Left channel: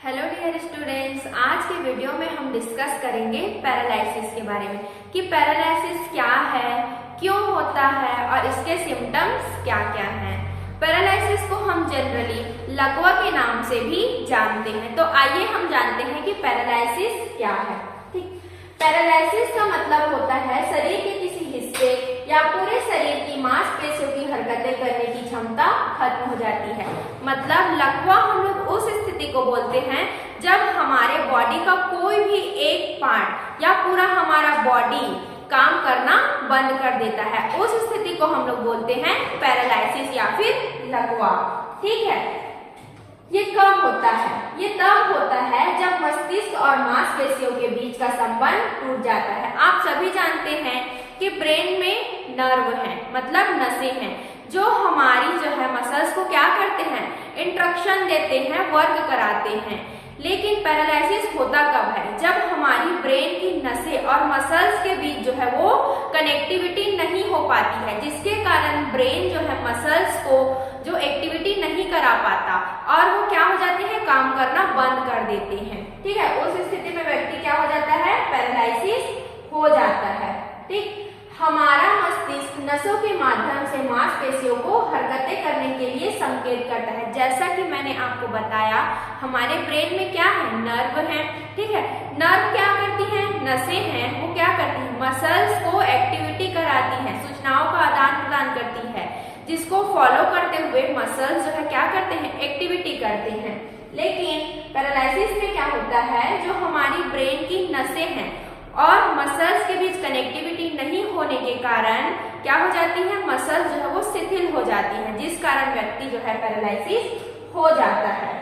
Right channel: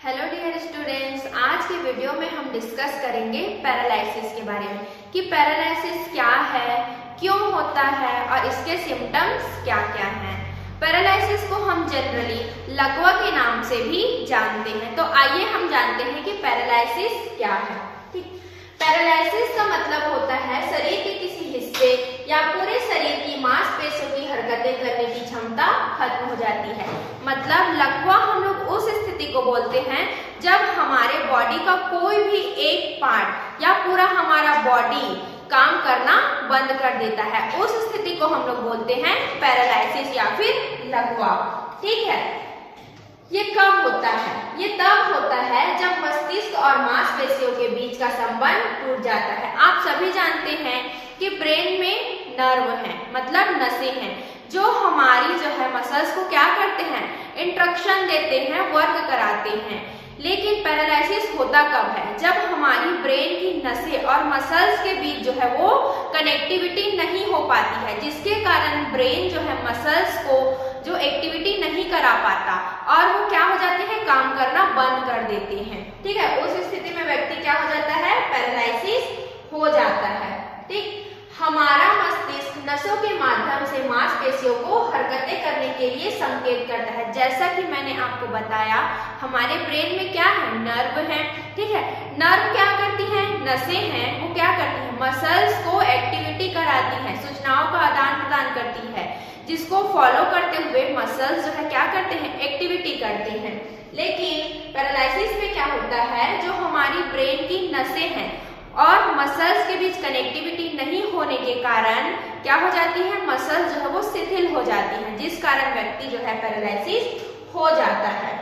Hello dear students, आज के video में हम डिस्कस करेंगे पैरालिसिस के बारे में कि पैरालिसिस क्या है, क्यों होता है और इसके सिम्टम्स क्या क्या हैं। पैरालिसिस को हम जनरली लकवा के नाम से भी जानते हैं। तो आइए हम जानते हैं कि पैरालिसिस क्या है। ठीक, पैरालिसिस का मतलब होता है शरीर के किसी हिस्से या पूरे शरीर की मांसपेशियों की हरकतें करने की क्षमता खत्म हो जाती है। मतलब लकवा हम लोग उस स्थिति को बोलते हैं जब हमारे बॉडी का कोई भी एक पार्ट या पूरा हमारा बॉडी काम करना बंद कर देता है। उस स्थिति को हम लोग बोलते हैं पैरालिसिस या फिर लकवा। ठीक है, ये कब होता है? ये तब होता है जब मस्तिष्क और मांसपेशियों के बीच का संबंध टूट जाता है। आप सभी जानते हैं कि ब्रेन में नर्व हैं, मतलब नसें हैं, जो हमारी जो है मसल्स को क्या करते हैं, इंस्ट्रक्शन देते हैं, वर्क कराते हैं। लेकिन पैरालिसिस होता कब है? जब हमारी ब्रेन की नसें और मसल्स के बीच जो है वो कनेक्टिविटी नहीं हो पाती है, जिसके कारण ब्रेन जो है मसल्स को जो एक्टिविटी नहीं करा पाता और वो क्या हो जाते हैं, काम करना बंद कर देते हैं। ठीक है, उस स्थिति में व्यक्ति क्या हो जाता है, पैरालिसिस हो जाता है। ठीक, हमारा मस्तिष्क नसों के माध्यम से मांसपेशियों को हरकतें करने के लिए संकेत करता है। जैसा कि मैंने आपको बताया, हमारे ब्रेन में क्या है, नर्व है। ठीक है, नर्व क्या करती हैं, नसें हैं, वो क्या करती हैं, मसल्स को एक्टिविटी कराती हैं, सूचनाओं का आदान प्रदान करती है, जिसको फॉलो करते हुए मसल्स जो है क्या करते हैं, एक्टिविटी करते हैं। लेकिन पैरालिसिस में क्या होता है, जो हमारी ब्रेन की नसें हैं और मसल्स के बीच कनेक्टिविटी नहीं होने के कारण क्या हो जाती है, मसल्स जो है वो शिथिल हो जाती हैं, जिस कारण व्यक्ति जो है पैरालिसिस हो जाता है।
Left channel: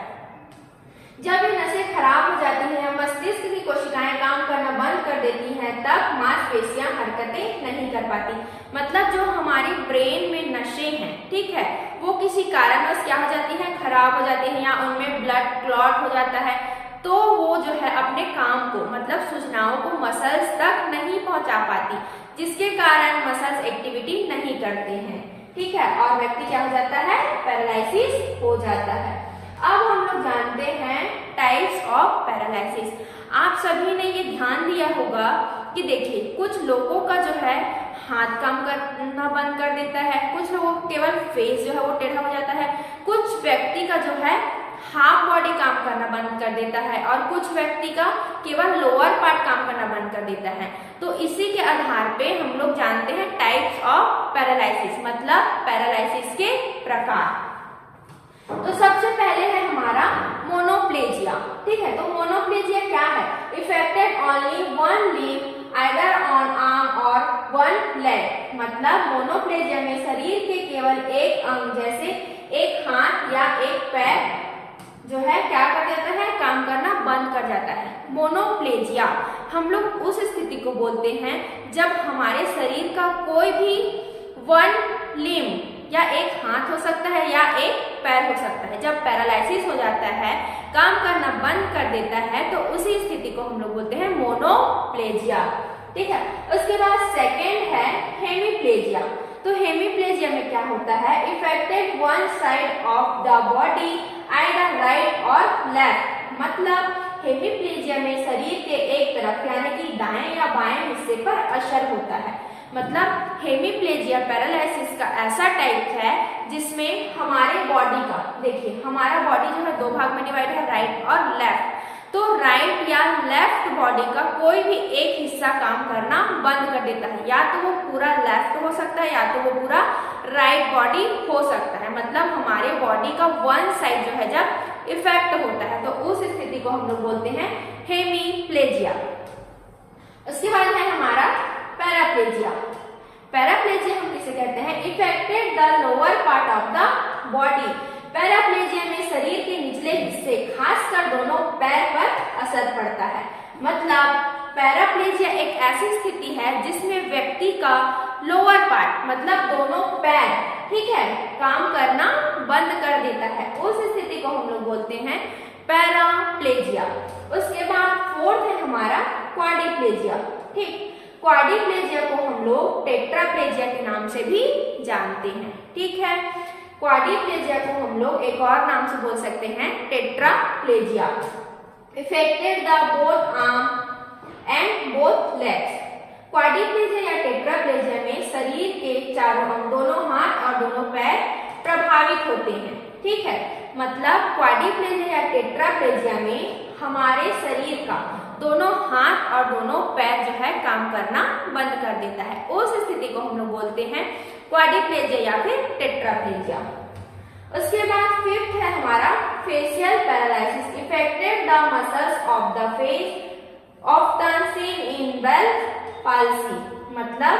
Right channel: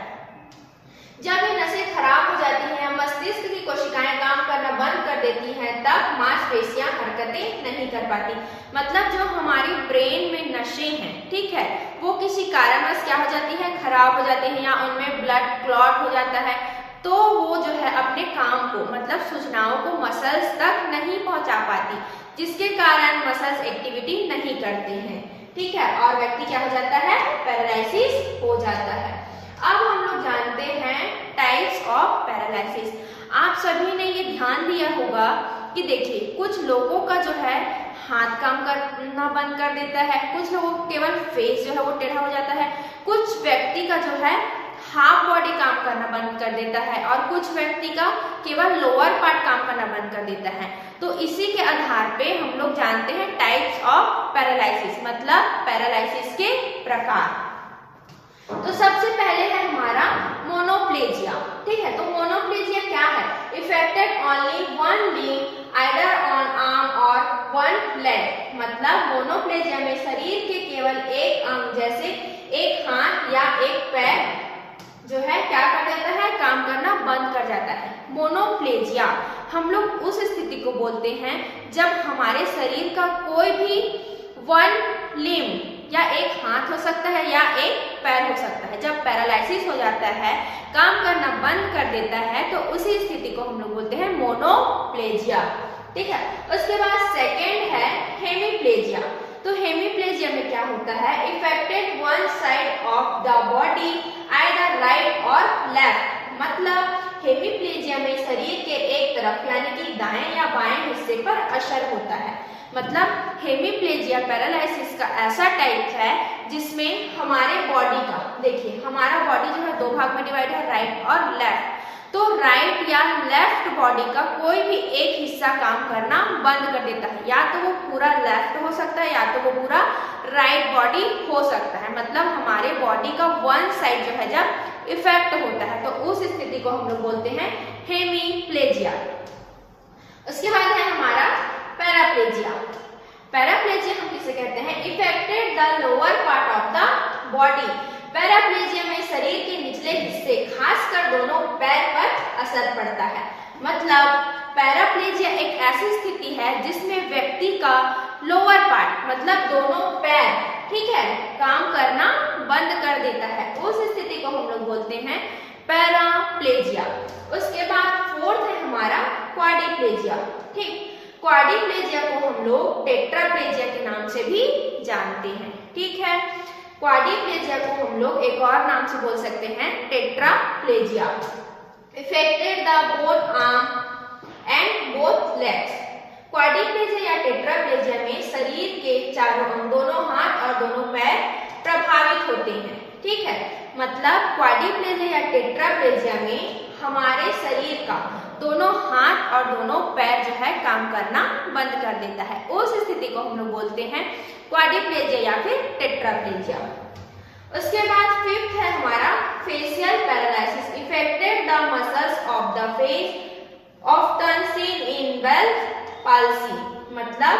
जब ये नसें खराब हो जाती हैं, मस्तिष्क की कोशिकाएं काम करना बंद कर देती हैं, तब मांसपेशियां हरकतें नहीं कर पाती। मतलब जो हमारी ब्रेन में नसें हैं, ठीक है, वो किसी कारणवश क्या हो जाती है, खराब हो जाती है या उनमें ब्लड क्लॉट हो जाता है, तो वो जो है अपने काम को, मतलब सूचनाओं को मसल्स तक नहीं पहुंचा पाती, जिसके कारण मसल्स एक्टिविटी नहीं करते हैं। ठीक है, और व्यक्ति क्या हो जाता है, पैरालिसिस हो जाता है। अब हम लोग जानते हैं टाइप्स ऑफ पैरालिसिस। आप सभी ने ये ध्यान दिया होगा कि देखिए, कुछ लोगों का जो है हाथ काम करना बंद कर देता है, कुछ लोगों को केवल फेस जो है वो टेढ़ा हो जाता है, कुछ व्यक्ति का जो है हाफ बॉडी काम करना बंद कर देता है और कुछ व्यक्ति का केवल लोअर पार्ट काम करना बंद कर देता है। तो इसी के आधार पे हम लोग जानते हैं टाइप्स ऑफ पैरालिसिस, मतलब पैरालिसिस के प्रकार। तो सबसे पहले है हमारा मोनोप्लेजिया। ठीक है, तो मोनोप्लेजिया क्या है, affected only one limb either on arm और वन लेग। मतलब मोनोप्लेजिया में शरीर के केवल एक अंग जैसे एक हाथ या एक पैर जो है क्या कर देता है, काम करना बंद कर जाता है। मोनोप्लेजिया हम लोग उस स्थिति को बोलते हैं जब हमारे शरीर का कोई भी वन लिम्ब या एक हाथ हो सकता है या एक पैर हो सकता है, जब पैरालिसिस हो जाता है, काम करना बंद कर देता है, तो उसी स्थिति को हम लोग बोलते हैं मोनोप्लेजिया। ठीक है, उसके बाद सेकेंड है हेमीप्लेजिया। तो हेमीप्लेजिया में क्या होता है, affected one side of the body either right और लेफ्ट। मतलब हेमीप्लेजिया में शरीर के एक तरफ यानी कि दाएं या बाएं हिस्से पर असर होता है। मतलब हेमीप्लेजिया पैरालिसिस का ऐसा टाइप है जिसमें हमारे बॉडी का, देखिए हमारा बॉडी जो है दो भाग में डिवाइड है, राइट और लेफ्ट। तो राइट या लेफ्ट बॉडी का कोई भी एक हिस्सा काम करना बंद कर देता है, या तो वो पूरा लेफ्ट हो सकता है या तो वो पूरा राइट बॉडी हो सकता है। मतलब हमारे बॉडी का वन साइड जो है जब इफेक्ट होता है, तो उस स्थिति को हम लोग बोलते हैं हेमीप्लेजिया। उसके बाद है हमारा पैराप्लेजिया। पैराप्लेजिया हम किसे कहते हैं, affected the lower part of the body. Paraplegia में शरीर के निचले हिस्से, खासकर दोनों पैर पर असर पड़ता है। मतलब पैराप्लेजिया एक ऐसी स्थिति है जिसमें व्यक्ति का लोअर पार्ट, मतलब दोनों पैर, ठीक है, काम करना बंद कर देता है। उस स्थिति को हम लोग बोलते हैं पैराप्लेजिया। उसके बाद फोर्थ है हमारा क्वाड्रिप्लेजिया। ठीक, क्वाड्रिप्लेजिया को हम लोग टेट्राप्लेजिया के नाम से भी जानते हैं। ठीक है, क्वाड्रिप्लेजिया को हम लोग एक और नाम से बोल सकते हैं tetraplegia. affected the both arm and both legs. Quadriplegia या टेट्राप्लेजिया में शरीर के चारों अंग, दोनों हाथ और दोनों पैर प्रभावित होते हैं। ठीक है, मतलब क्वाड्रिप्लेजिया या टेट्राप्लेजिया में हमारे शरीर का दोनों हाथ और दोनों पैर जो है काम करना बंद कर देता है। उस स्थिति को हम लोग बोलते हैं क्वाड्रिप्लेजिया या फिर टेट्राप्लेजिया। उसके बाद फिफ्थ है हमारा facial paralysis, affected the muscles of the face often seen in Bell's palsy. मतलब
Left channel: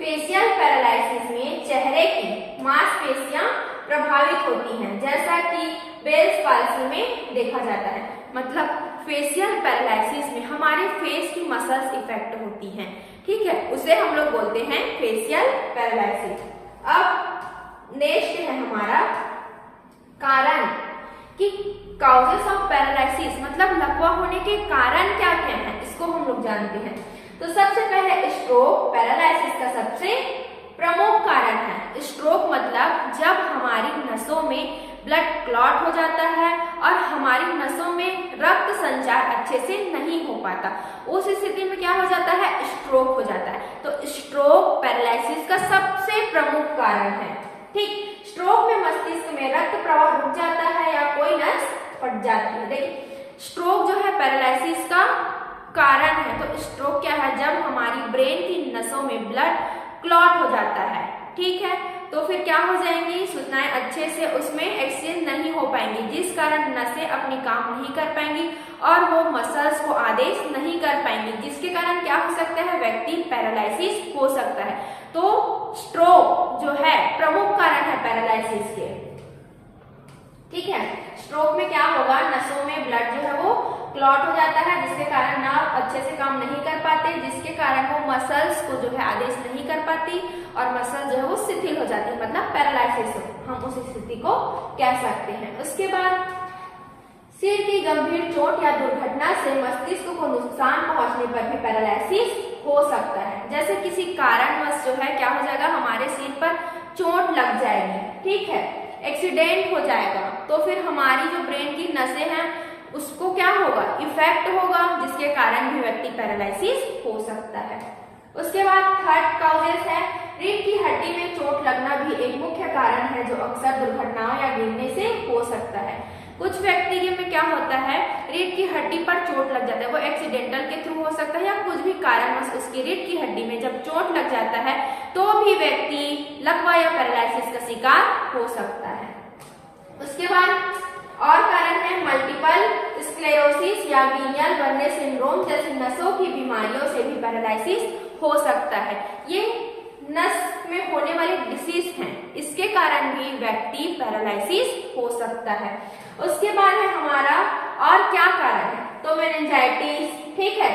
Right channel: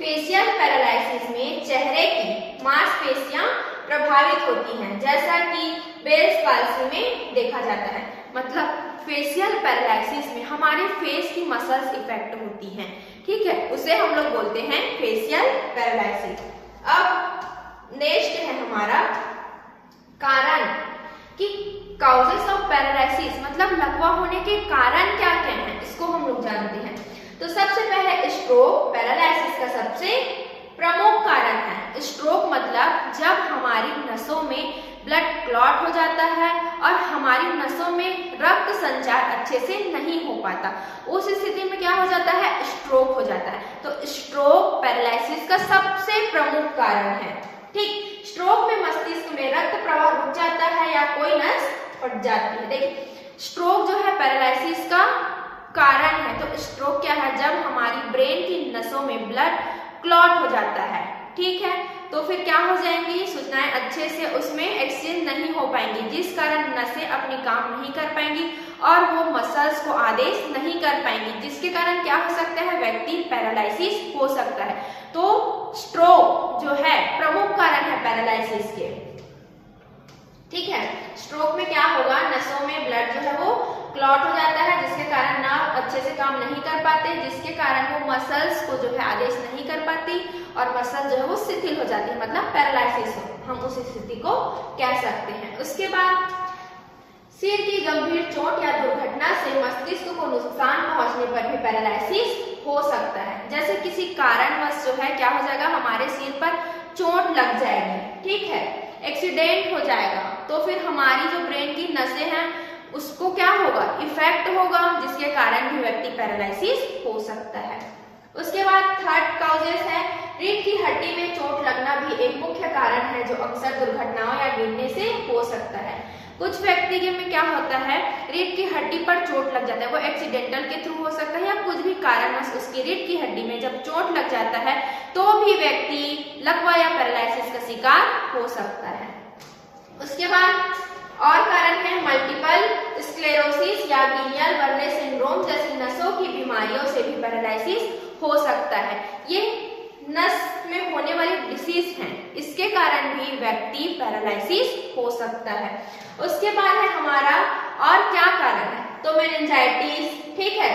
फेशियल पैरालिसिस में चेहरे की मांसपेशियां प्रभावित होती हैं, जैसा कि बेल्स पाल्सी में देखा जाता है। मतलब फेशियल पैरालिसिस में हमारे फेस की मसल्स इफेक्ट होती हैं। ठीक है, उसे हम लोग बोलते हैं फेशियल पैरालिसिस। अब नेक्स्ट है हमारा कारण कि काउजेस ऑफ पैरालिसिस, मतलब लकवा होने के कारण क्या क्या हैं, इसको हम लोग जानते हैं। तो सबसे पहले स्ट्रोक पैरालिसिस का सबसे प्रमुख कारण है। स्ट्रोक मतलब जब हमारी नसों में ब्लड क्लॉट हो जाता है और हमारी नसों में रक्त संचार अच्छे से नहीं हो पाता, उस स्थिति में क्या हो जाता है, स्ट्रोक हो जाता है। तो स्ट्रोक पैरालिसिस का सबसे प्रमुख कारण है। ठीक, स्ट्रोक में मस्तिष्क में रक्त प्रवाह रुक जाता है या कोई नस फट जाती है। देखिए, स्ट्रोक जो है पैरालिसिस का कारण है। तो स्ट्रोक क्या है, जब हमारी ब्रेन की नसों में ब्लड क्लॉट हो जाता है। ठीक है, तो फिर क्या हो जाएंगी, सूचनाएं अच्छे से उसमें एक्सचेंज नहीं हो पाएंगी, जिस कारण नसें अपनी काम नहीं कर पाएंगी और वो मसल्स को आदेश नहीं कर पाएंगी, जिसके कारण क्या हो सकता है, व्यक्ति पैरालिसिस हो सकता है। तो स्ट्रोक जो है प्रमुख कारण है पैरालिसिस के। ठीक है, स्ट्रोक में क्या होगा, नसों में ब्लड जो है वो क्लॉट हो जाता है, जिसके कारण नर्व अच्छे से काम नहीं कर पाते, जिसके कारण वो मसल्स को जो है आदेश नहीं कर पाती और मसल जो है वो शिथिल हो जाती है, मतलब पैरालिसिस हम उस स्थिति को कह सकते हैं। उसके बाद सिर की गंभीर चोट या दुर्घटना से मस्तिष्क को नुकसान पहुंचने पर भी पैरालिसिस हो सकता है। जैसे किसी कारणवश जो है क्या हो जाएगा, हमारे सिर पर चोट लग जाएगी, ठीक है, एक्सीडेंट हो जाएगा, तो फिर हमारी जो ब्रेन की नसें हैं उसको क्या होगा, इफेक्ट होगा, जिसके कारण भी व्यक्ति पैरालिसिस हो सकता है। उसके बाद थर्ड कॉजेस है, रीढ़ की हड्डी में चोट लगना भी एक मुख्य कारण है जो अक्सर दुर्घटनाओं या गिरने से हो सकता है। कुछ व्यक्ति के में क्या होता है, रीढ़ की हड्डी पर चोट लग जाता है, वो एक्सीडेंटल के थ्रू हो सकता है या कुछ भी कारणवश उसकी रीढ़ की हड्डी में जब चोट लग जाता है तो भी व्यक्ति लकवा या पैरालिसिस का शिकार हो सकता है। उसके बाद और कारण है मल्टीपल स्क्लेरोसिस या गिलियन बर्ने सिंड्रोम जैसी नसों की बीमारियों से भी पैरालिसिस हो सकता है। ये नस में होने वाली डिसीज हैं, इसके कारण भी व्यक्ति पैरालिसिस हो सकता है। उसके बाद है हमारा और क्या कारण है, तो मेनिंजाइटिस, ठीक है,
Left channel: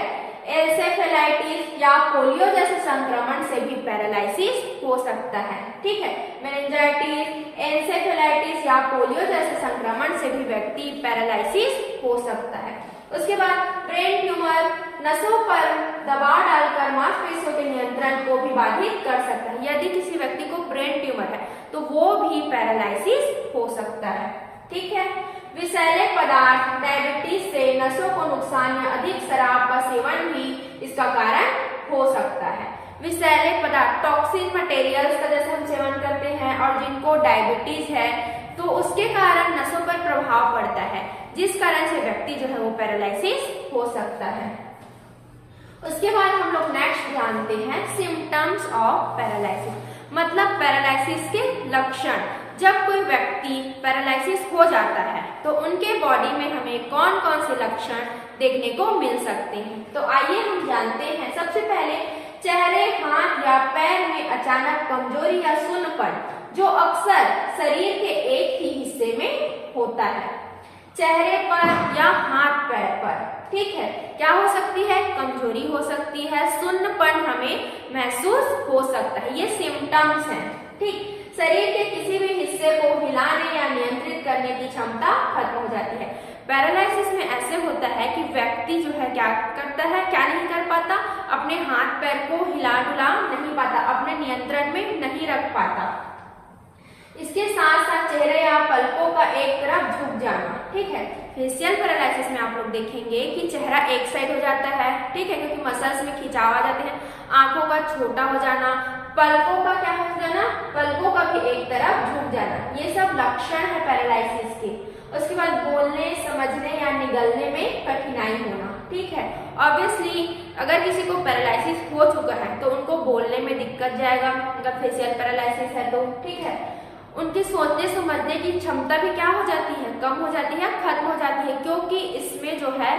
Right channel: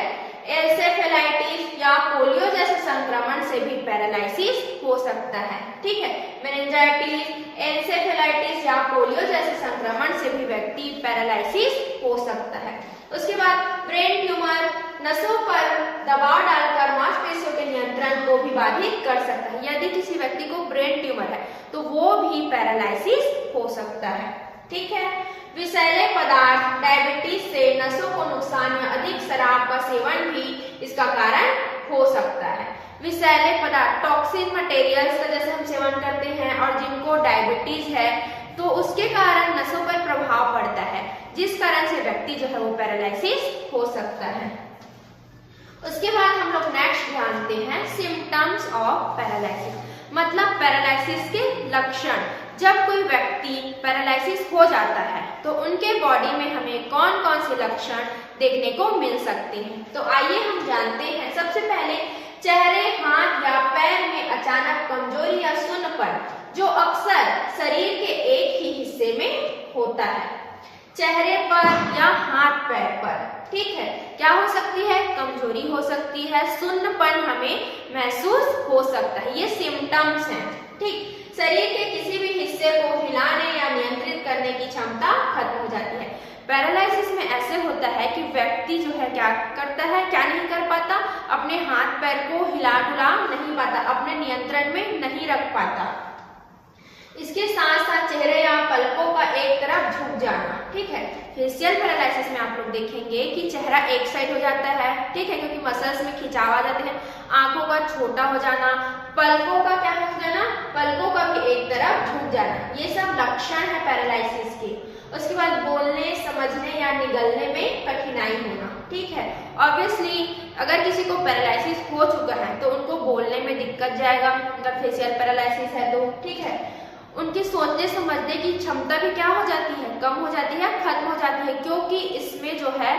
एन्सेफेलाइटिस या पोलियो जैसे संक्रमण से भी पैरालिसिस हो सकता है। ठीक है, मेनिंजाइटिस, एन्सेफेलाइटिस या पोलियो जैसे संक्रमण से भी व्यक्ति पैरालिसिस हो सकता है। उसके बाद ब्रेन ट्यूमर नसों पर दबाव डालकर मांसपेशियों के नियंत्रण को भी बाधित कर सकता है। यदि किसी व्यक्ति को ब्रेन ट्यूमर है तो वो भी पैरालिसिस हो सकता है। ठीक है, विषैले पदार्थ, डायबिटीज से नसों को नुकसान या अधिक शराब का सेवन भी इसका कारण हो सकता है। विषैले पदार्थ, टॉक्सिन मटेरियल्स का जैसे हम सेवन करते हैं और जिनको डायबिटीज है तो उसके कारण नसों पर प्रभाव पड़ता है, जिस कारण से व्यक्ति जो है वो पैरालिसिस हो सकता है। उसके बाद हम लोग नेक्स्ट जानते हैं सिम्टम्स ऑफ पैरालिसिस, मतलब पैरालिसिस के लक्षण। जब कोई व्यक्ति पैरालिसिस हो जाता है तो उनके बॉडी में हमें कौन कौन से लक्षण देखने को मिल सकते हैं, तो आइए हम जानते हैं। सबसे पहले चेहरे, हाथ या पैर में अचानक कमजोरी या सुन्नपन, जो अक्सर शरीर के एक ही हिस्से में होता है, चेहरे पर या हाथ पैर पर। ठीक है, क्या हो सकती है, कमजोरी हो सकती है, सुन्नपन हमें महसूस हो सकता है, ये सिम्टम्स हैं। ठीक, शरीर के किसी भी हिस्से को हिलाने या नियंत्रित करने की क्षमता खत्म हो जाती है। पैरालिसिस में ऐसे होता है कि व्यक्ति जो है क्या करता है, क्या नहीं कर पाता, अपने हाथ पैर को हिला डुला नहीं पाता, अपने नियंत्रण में नहीं रख पाता। इसके साथ साथ चेहरे या पलकों का एक तरफ झुक जाना, ठीक है। फेशियल पैरालिसिस में आप लोग देखेंगे कि चेहरा एक साइड हो जाता है, ठीक है, क्योंकि मसल्स में खिंचाव आ जाते हैं। आंखों का छोटा हो जाना, पलकों का क्या हो जाना, पलकों का भी एक तरफ झुक जाना, ये सब लक्षण है पैरालिसिस के। उसके बाद बोलने, समझने या निगलने में कठिनाई होना, ठीक है। ऑब्वियसली अगर किसी को पैरालिसिस हो चुका है तो उनको बोलने में दिक्कत जाएगा, अगर फेशियल पैरालिसिस है तो, ठीक है। उनकी सोचने समझने की क्षमता भी क्या हो जाती है, कम हो जाती है, खत्म हो जाती है, क्योंकि इसमें जो है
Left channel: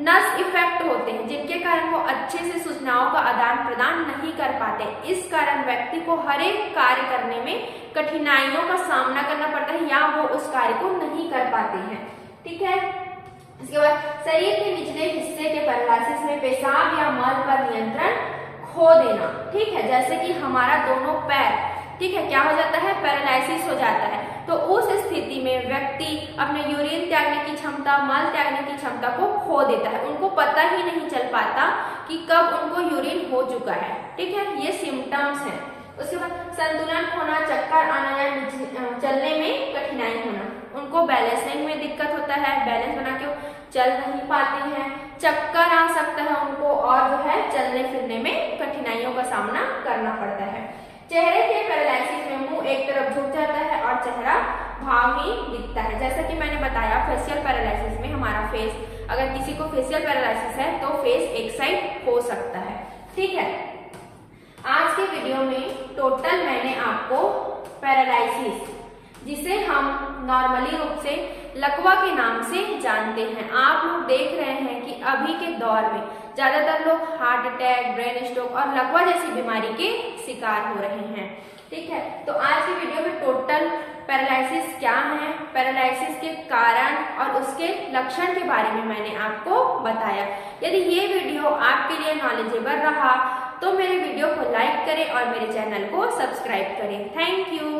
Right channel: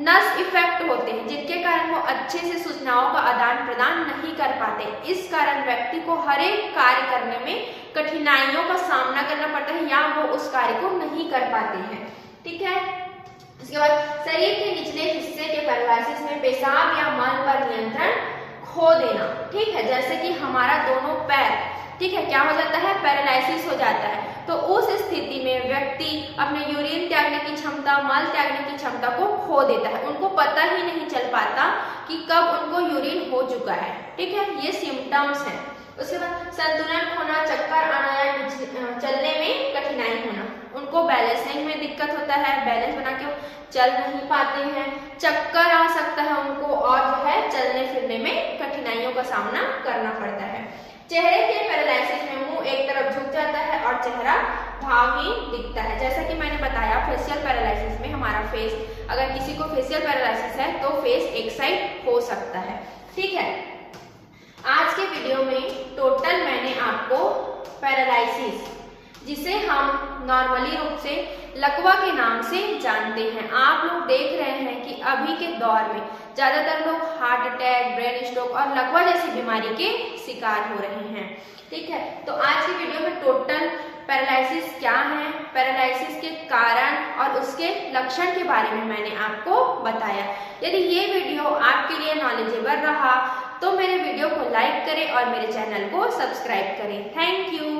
नस इफेक्ट होते हैं, जिनके कारण वो अच्छे से सूचनाओं का आदान प्रदान नहीं कर पाते। इस कारण व्यक्ति को हर एक कार्य करने में कठिनाइयों का सामना करना पड़ता है या वो उस कार्य को नहीं कर पाते हैं, ठीक है। इसके बाद शरीर के निचले हिस्से के पैरालिसिस में पेशाब या मल पर नियंत्रण खो देना, ठीक है, जैसे कि हमारा दोनों पैर, ठीक है, क्या हो जाता है, पैरालिसिस हो जाता है। तो उस स्थिति में व्यक्ति अपने यूरिन त्यागने की क्षमता, मल त्यागने की क्षमता को खो देता है। उनको पता ही नहीं चल पाता कि कब उनको यूरिन हो चुका है, ठीक है। ये सिम्टम्स हैं। उसके बाद संतुलन खोना, चक्कर आना या चलने में कठिनाई होना, उनको बैलेंसिंग में दिक्कत होता है, बैलेंस बना के चल नहीं पाते हैं, चक्कर आ सकता है उनको, और जो है चलने फिरने में कठिनाइयों का सामना करना पड़ता है। चेहरे के पैरालिसिस में मुंह एक तरफ झुक जाता है और चेहरा भावहीन दिखता है। जैसा कि मैंने बताया फेशियल पैरालिसिस में हमारा फेस, अगर किसी को फेशियल पैरालिसिस है तो फेस एक साइड हो सकता है, ठीक है। आज के वीडियो में टोटल मैंने आपको पैरालिसिस, जिसे हम नॉर्मली रूप से लकवा के नाम से जानते हैं, आप लोग देख रहे हैं कि अभी के दौर में ज्यादातर लोग हार्ट अटैक, ब्रेन स्ट्रोक और लकवा जैसी बीमारी के शिकार हो रहे हैं, ठीक है। तो आज की वीडियो में टोटल पैरालिसिस क्या है, पैरालिसिस के कारण और उसके लक्षण के बारे में मैंने आपको बताया। यदि ये वीडियो आपके लिए नॉलेजेबल रहा तो मेरे वीडियो को लाइक करें और मेरे चैनल को सब्सक्राइब करें। Thank you.